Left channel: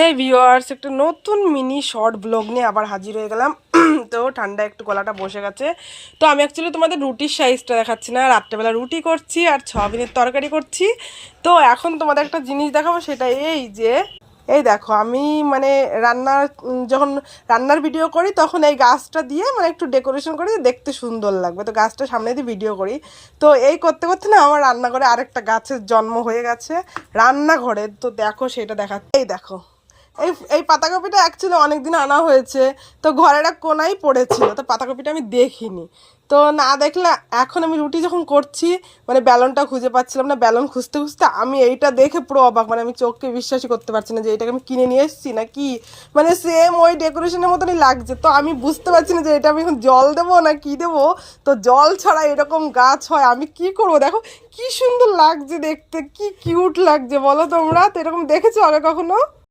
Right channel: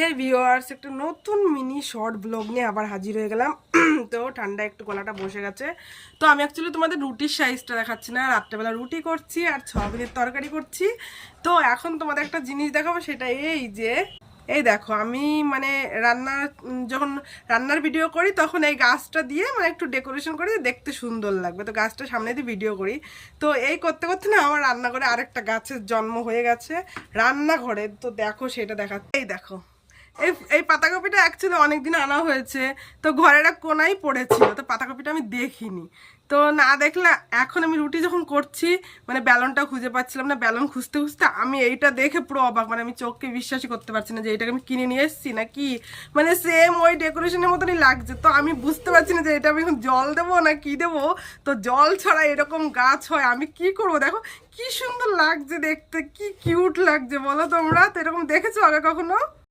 হ্যাঁ ভিউয়ার্স, একটা নতুন মিনি শর্ট ব্লগ নিয়ে আবার হাজির হয়ে গেলাম। তো ঠান্ডা একটু গলাটা বসে গেছে। তো আমি অ্যাকচুয়ালি তোমাদের রুটির সাইজটা দেখাচ্ছি না, রাত্রেবেলা রুটি করছি আর সয়াবিনের তরকারি করছি। তো এখন তোমাদের একটা জিনিস দেখাবো, সেটা এই যে এই দেখো আমি মানে রান্নার যখন রান্নার ভিডিও করি তখন এই গাছটা দিয়ে মানে একটু ডেকোরেশন করি, দেখতে সুন্দর লাগবে, তো গাছটা সামনে দিয়ে ভিডিও করি। তো এই করতে করতে না আমার রান্নাঘরে আরেকটা গাছের জন্ম হয়ে গেছে রান্নাঘরে। তো দেখো সেটা দেখাচ্ছে, এই দেখো এই এই পাতাকপিটা অ্যাকচুয়ালি অনেক দিন আনা হয়েছে, তো ঘরের এক কোনায় পড়েছিল, তো পাতাকপিটা আমি দেখিনি। তো না দেখলে এখন আমি রুটি যখন করছি মানে ব্যালনটা খুঁজে পাচ্ছিলাম না, ব্যালন খুঁজতে খুঁজতে আমি এইটা দেখে পুরো অবাক, মানে আমি চোখকে বিশ্বাসই করতে পারছি না যে এটাকে আমি কিনে নিয়ে এসেছি না কি, মানে সেম ওই ডেকোরেশনের মতনই লাগছে। তো আমি বুঝতে পারছি না যে এটা আমি এখন জল দেবো না কি দেবো। তো জল ছাড়া এরকম গাছ হয়, আমি কি করব। দেখো কি সুন্দর লাগছে দেখতে, কি কিউট লাগছে বলো তোমরা, তো এরকম দেখেছো আগে কখনো?